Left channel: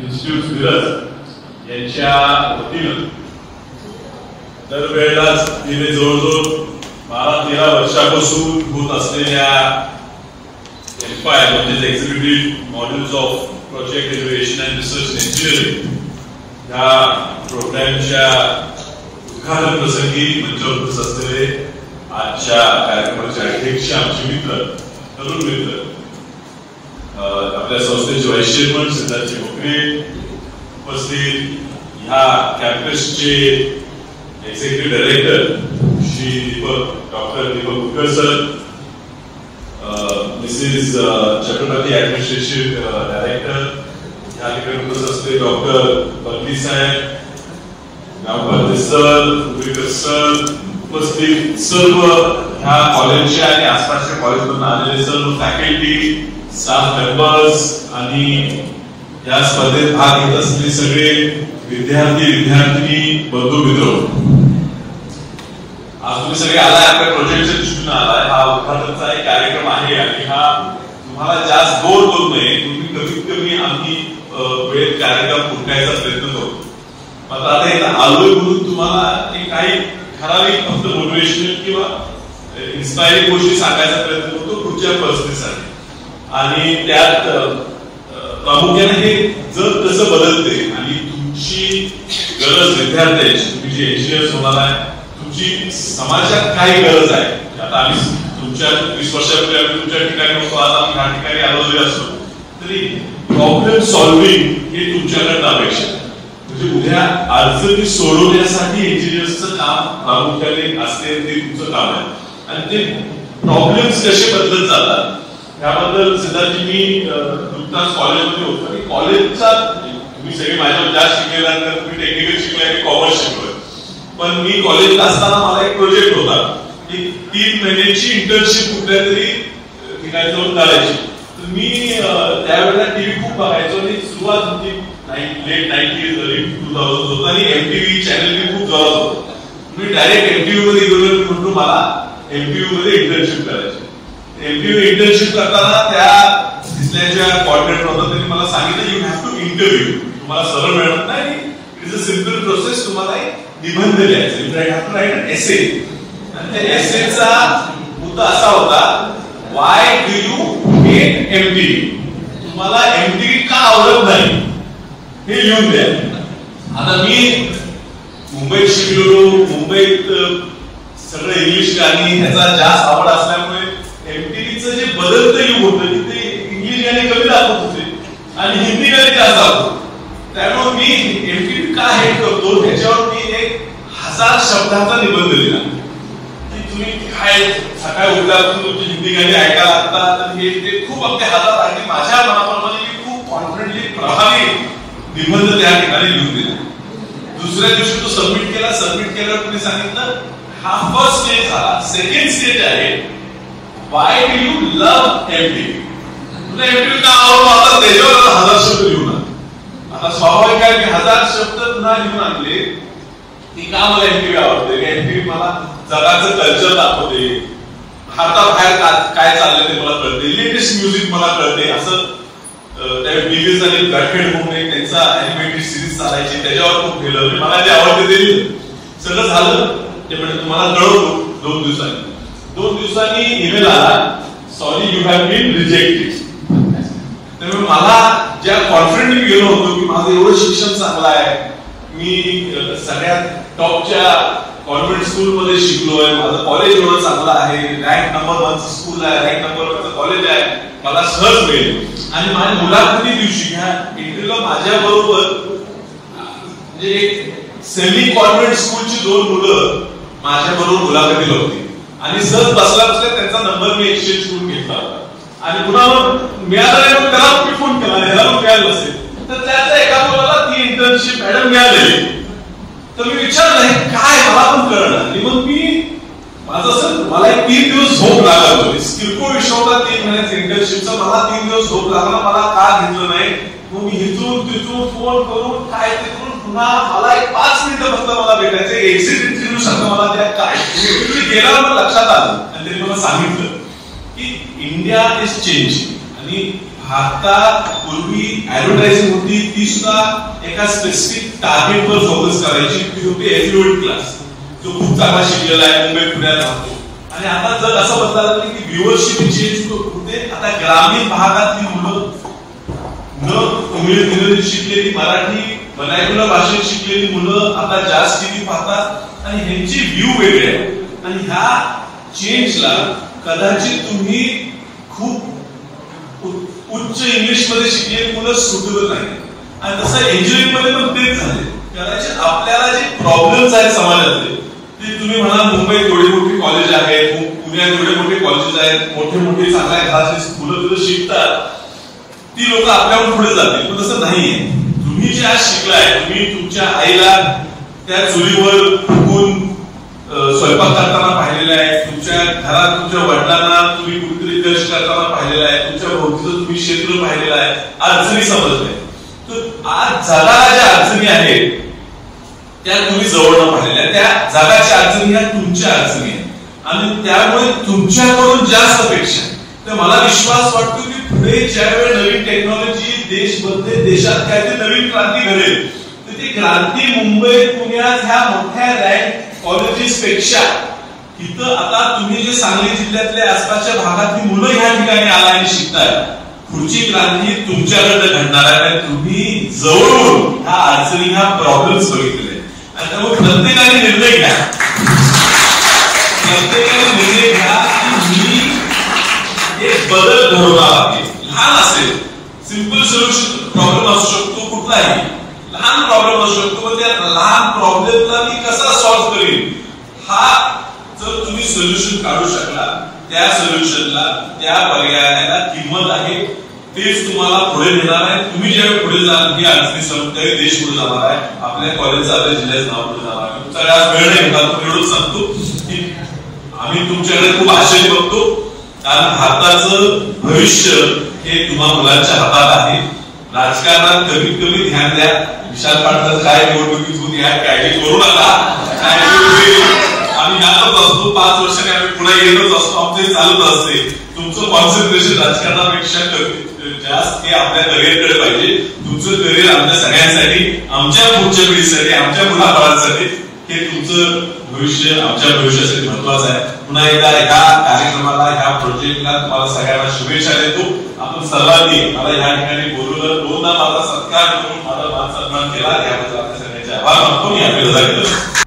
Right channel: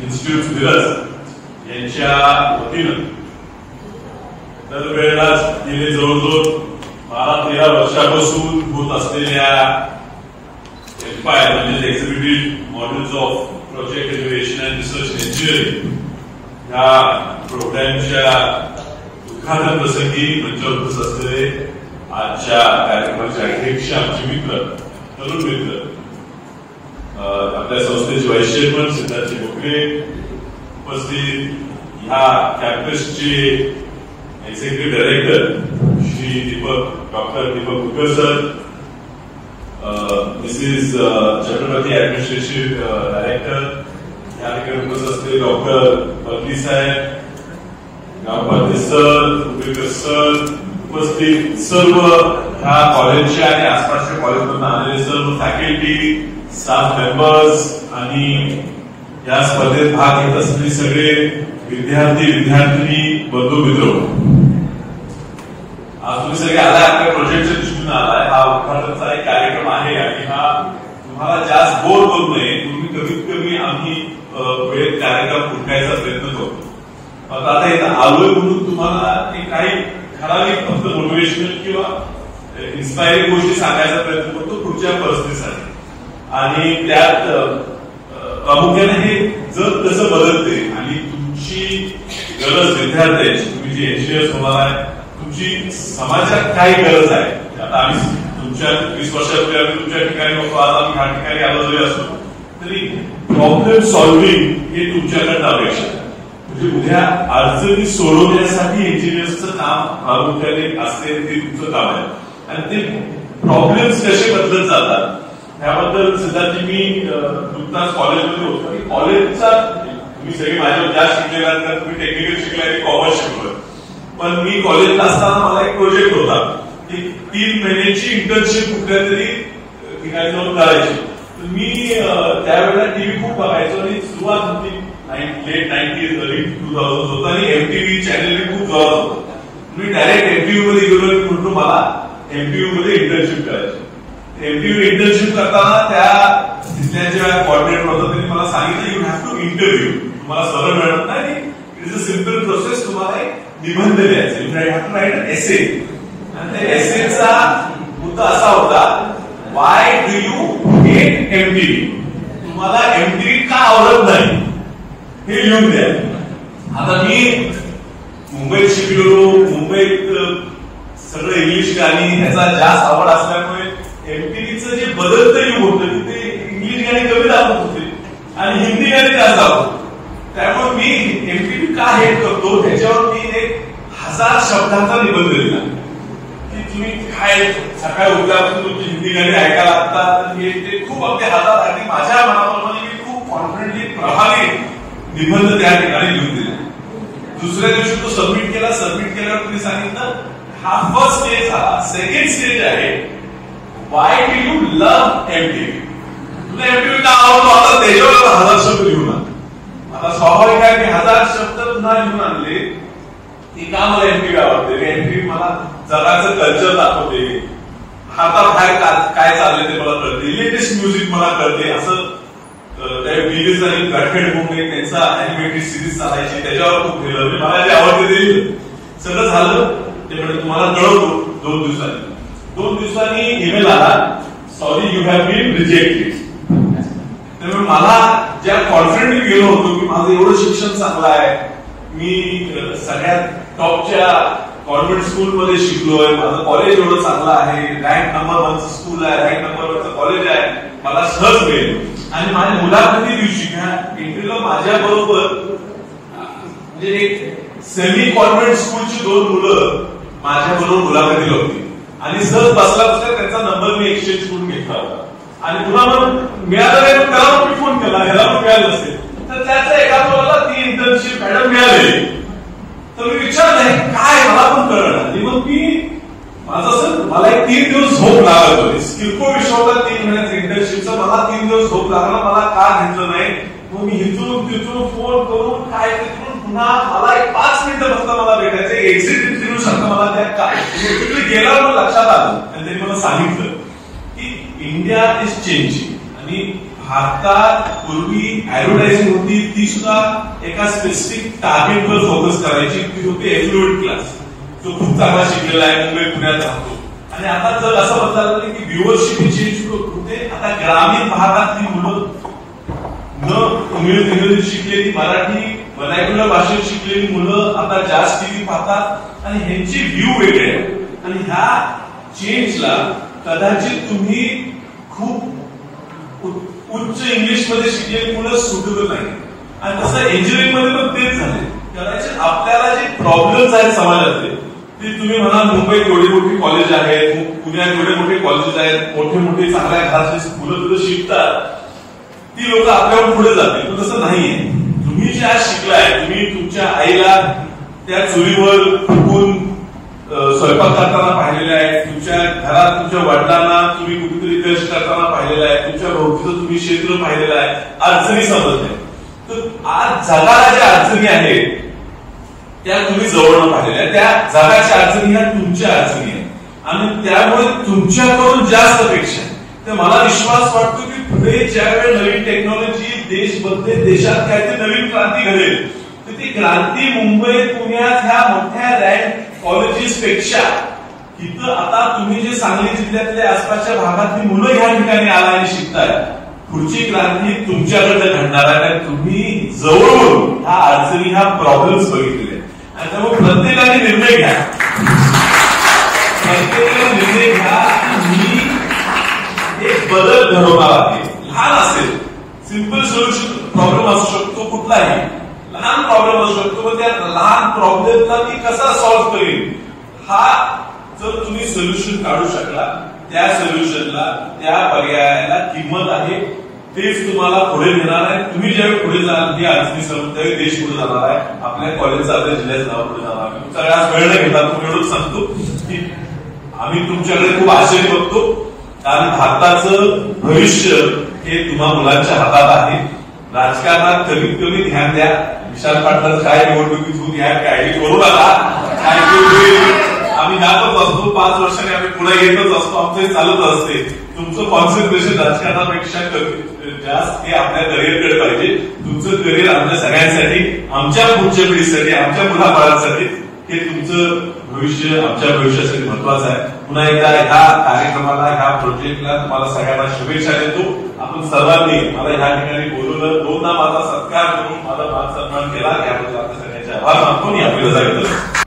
Institute Miraj यांच्या वतीनं दरवेळेलाच गेले जवळजवळ 12-13 वर्षापासून होत असलेल्या एक्सपायर म्हणजे executive modules of project innovation and research engineering या प्रोग्रामच्या उद्घाटन प्रसंगी मंचावर उपस्थित असलेले आजच्या कार्यक्रमाचे अध्यक्ष आमचे मित्र तरुण मित्र आपल्या संस्थेचे व्हाईस चेअरमन सिद्धार्थ मोकरे उपस्थित ह्या कॅम्पसचे executive director Shri doctor Deepak Kulkar sir, Mrs Chhatrapati administrative director या ठिकाणी उपस्थित असलेले डॉक्टर बर्दी साहेब, गावपाते सर, कुलकर सर, उपस्थित सर्व ह्या कॉलेजच्या आणि आसपासच्या कॉलेजमधून आलेले सर्व फॅकल्टी, स्टाफ मेंबर्स आणि या स्पर्धेत भाग घेत असलेले सगळे विद्यार्थी विद्यार्थिनी बंधू मित्र, आज तुम्ही सगळे आलाय आपल्या प्रोजेक्टच्या दृष्टीने आलाय. हा उद्घाटनाचा एक कार्यक्रम आहे आणि हा तुम्हाला जास्त बोर करू नये, तुम्ही कमीत कमी आम्ही वेळेत कार्यक्रम उरकायचा प्रयत्न करतो. मात्र आता इथं आलोय म्हणून तुम्हाला काही ठराविक फक्त मोटिवेशनल किंवा इन्स्पायरिंग गोष्टी सांगायचा प्रयत्न करतो पुढच्या परिस्थितीसाठी. आणि त्यात प्रामुख्याने हे जग कसं बदलते आणि तुमची गरज विद्यार्थ्यांची, तुम्ही जे इंजिनियर्स होणार आहे, तुमची समाजात काय गरज आहे. आता आम्ही तुमच्या 20 वर्षापूर्वी आम्ही तुमच्या ठिकाणी होतो, आज आम्ही ह्या ठिकाणी आलो जरी असतो तरी प्रॉब्लेम सॉल्व्हिंग हे तुमच्याकडनं अपेक्षा आहे. म्हणजे उद्या अडचणी सोडवण्यासाठी इंजिनियर्सचं काम प्रामुख्याने असते, ते तुमचं काम आहे. आणि ते प्रॉब्लेम्स कसे बदलत जातात त्याबद्दल सिद्धार्थजी मी नुकताच कॉलेजमध्ये होतो. कॉलेजचा तुम्ही सगळे माझ्या ज्या शिकलेला तुम्ही टेक्निकल शिकलाय, मी कॉमर्स शिकलोय, पण मी कॉलेजला असताना मला एक प्रोजेक्ट होता की 3 महिन्याची इंटर्नशिप कुठल्या तरी ठिकाणी जाऊन करायची. तर मी त्यावेळेला टीव्ही खूप बघायचो आणि सुरुवात होती लेट 90s अर्ली 2000 होतं आणि एमटीव्ही चॅनल मी खूप जोरात होतो. मी डायरेक्ट एमटीव्ही मध्ये गेलो म्हणून मला एमटीव्ही मध्ये इंटर्नशिप करायची. एमटीव्ही इंटर्नशिप करताना त्या तिथल्या ज्या कॉर्डिनेटर होता त्यांनी मला सांगितलं यू हॅव टू इंटरव्ह्यू, तुम्हाला सरळ मिळत नाही, it is a simple process, तुम्हाला एक निबंध लिहायचा, यू हॅव टू राईट अन एसे. आणि त्या एसेचा मुद्दा असा होता why do you hate MTV, तुम्हाला एमटीव्ही का आवडत नाही हे लिहून द्या. आता मी मुंबईत शिकलो, मुंबईत सगळं इंग्लिश गाणी ह्याचा जास्त आवड असल्यामुळे एमटीव्हीचं जे बदलतं युग होतं की ते इंग्लिश गाणी कमी दाखवत होते आणि हिंदी गाणी जास्त दाखवत. त्यामुळे मी एमटीव्ही का हेट करतो त्याच्यावर मी एक 1000 शब्दांचा निबंध दिला की तुम्ही काय सकाळी उठल्यापासून तुमची हिंदी गाणी ऐकायला लागतात, तर हे ते खूप आपल्या हातात आणि माझ्या मनाप्रमाणे मी खूप कॉन्फिडेंटली प्रभावी निबंध त्या ठिकाणी लिहून दिला. दुसऱ्या दिवशी तो सबमिट केल्यावर तुम्ही सांगितलं हा फर्स्ट स्टेज झाला. सेकंड स्टेज आहे why do you love MTV, तुला एमटीव्ही का आवडतो. आता त्याच्यावर 1000 शब्द लिहून आले. आता स्वाभाविक आहे मी 1000 शब्द पुन्हा लिहून आणले की का मला एमटीव्ही आवडते. एमटीव्ही मला जगाचं कल्चर दाखवते, भारताबाहेर काय चाललंय ते मला कळते, लेटेस्ट म्युझिक मला कळते. असं त्या बीबीएस आणि गठेड म्हणून एक त्यांचा अॅनिमेटेड सिरीज चालायची, त्याच्यावर खूप गेलं. मला जे आवडते ते सगळं झालं. ते म्हणजे तुम्हाला कळवतो 2 दिवसांनी. 2 दिवसांनी ईमेल आला, sorry you have been rejected. त्यामुळे मला ज्या कॉन्फिडेंट गेलो होतो की माझं एवढं शिक्षण चांगलं आहे, मी सगळ्यात टॉपच्या कॉन्व्हेंट स्कूलमध्ये शिकलोय, माझं कॉलेज एवढं चांगलं आहे, रँक नंबर 1 स्कूल आहे, रँक नंबर 1 कॉलेज आहे, मला सहज मिळेल. आणि माझ्या मुलाखती दिवशी ह्या इंटरव्ह्यूला माझ्या बरोबर म्हणजे एक सेमी कॉन्व्हेंट स्कूलची 2 मुलं माझ्या बरोबर मुलाखतीला होती आणि सहज बसला त्यांचा नंबर मी एक्सचेंज करून घेतला होता. आणि पुन्हा मिळालं त्याला मी फोन केला, ह्याला मिळालं नसेल तर त्याचा एका मुलाला ती इंटर्नशिप मॅडम मिळालेली. तर मी विचारलं काय, मला पण कळलं. आणि मग मी माझं असं मला एक 3 दिवस झोप लागला होती. किरकोळ विषय होता 3 महिन्याचा इंटर्नशिपचा. मला 3 दिवस झोप लागला, मला का घेतलं नाही. मग मी हिचून तिचून फोन करून काय तिथून पुन्हा मला एक 5 मिनिटं फक्त मला भेटायचं. एक्झिट इंटरव्ह्यू सारखं मला त्या काय गेल्यावर मला लक्षात आलं आणि त्यांनी मला सांगितलं की इंडिया इज चेंजिंग आणि भारतात पूर्वी ऍडव्हर्टायझिंग होती ती सुद्धा एका स्पेसिफिक टार्गेटवर फोकस करायची, ती होती एफ्लुएंट क्लास, जो खूप चांगला शिकलेला आहे, मुंबई पुण्यात राहतो. आणि आता जर असं बदलायला लागलं की व्ह्युअरशिप चेंज होते. आता ग्रामीण भागातली मुलं न इंग्रजी शिकलेली, मराठी वर्नाक्युलर भाषेत शिकलेली मुलं आता जास्त टीव्ही पाहतात आणि ह्यांची व्ह्यू वेगळे आहे. आणि ह्या चेंजला कदाचित तुम्ही खूप उच्च इंग्लिश मध्ये शिकलेली मुलं सुटेबल नाही. आणि तसं इंजिनिअरिंग मध्ये पण तेच झाले. कदाचित आपल्याला जे प्रॉब्लेम्स आहेत समाजातले ते तुम्ही म्हणा मुंबईत एवढी मोठी कॉलेज आहेत, पुण्यात एवढे मोठे कॉलेजेस आहेत, मोठे मोठे चांगल्या घरातली मुलं तिथं शिकतात, ती लोक आपल्याकडून पुढे जातील. पण तसं नाहीये. तुम्ही जे आज शिकलाय, तुम्ही तुमच्या आईला त्या चुलीवर फुकून स्वयंपाक करताना पाहिलेला आहे, तुमच्या घरात तुमच्या वडिलांना तुम्ही कुठेतरी कष्ट करताना पाहिलेला आहे, तुमच्या भोवतीचं तुम्ही क्षेत्र पाहिलेलं आहे, अडचणी समजले. तर आज जगाला ज्या अडचणी आहेत त्या तुम्ही जवळनं पाहिलेल्या, त्या जगाच्या अडचणी ह्या तुमच्या अडचणी आहेत. आणि त्यामुळे तुमच्याकडून जास्त अपेक्षा. तर मला विश्वास वाटतो की पुढे ज्यावेळी नवीन टेक्नॉलॉजी देशात काहीतरी नवीन क्रांती घडेल, तर ती क्रांती मुंबई पुण्यात ह्या मोठ्या रँक कॉलेजेस पेक्षा इथं आता तुम्ही जे सांगली जिल्ह्यातल्या आसपासच्या भागातली मुलं ह्या ठिकाणी आला आणि शिकताय, पुढची क्रांती तुमच्याकडे घडणार आहे. आणि तुम्ही जवळून ह्या अडचणी, ह्या प्रॉब्लेम्स बघितलेले. आणि त्यामुळे प्रत्येकाने निर्णय घ्या, प्रत्येकाने निर्णय घ्या की मी एक बदल घडवणार आहे. लहान असेल, सिंपल सोल्युशन प्रॉब्लेम असू शकतो, कुठलाही लहान प्रॉब्लेम असू शकतो, पण त्या लहान प्रॉब्लेमला मी कसा सॉल्व्ह करेन, हा जर तुम्ही सोल्युशन काढू शकला, त्या सोल्युशनला, त्या पर्यायाला किंमत आहे, तेच तुम्हाला पुढे नेणार आहे. तुम्ही ज्यावेळी पुढे जाल, ही अडचणी समजून त्यावेळी देश पुढे जाणार आहे, आपल्या कॉलेजचं, आपल्या जिल्ह्याचं नाव पुढे जाणार आहे. तुमचा आज वेळ नाही घेतात, तुम्ही एवढंच सांगतो की आम्ही तुमच्याकडे खूप आशेने बघतो, कारण भारताचं भविष्य हे तुम्हा मुलांच्या हातात आहे. राजकारणात कमीत कमी ध्यान द्या. विशाल पाटलाचं काय निवडणुकीत होऊन या काळजी करू नका. आम्ही जातच असतो, 5 वर्षांनी आम्ही पुढे येतच असतो, आमचे चालत असते. तुमचं कॉन्सन्ट्रेशन राजकारणापेक्षा जास्त हे आपल्या करिअरकडे पाहिजे. तुमचं करिअर आमच्या सगळ्यांसाठी, आमच्या पुढच्या पिढीसाठी, आमच्या मुलाबाळांसाठी हे तुमचं भविष्य आमच्या भविष्यासाठी महत्वाचं आहे. पुन्हा एकदा ह्या कार्यक्रमाला, ह्या प्रोजेक्टला तुम्हाला सगळ्यांना शुभेच्छा देतो. आपण सर्वांनी मला ह्या ठिकाणी बोलवलं, 2दा माझा सत्कार करून माझा मान सन्मान केला, याबद्दल आपल्या सगळ्यांचे आभार मानतो. मी आपली रजा घेतो.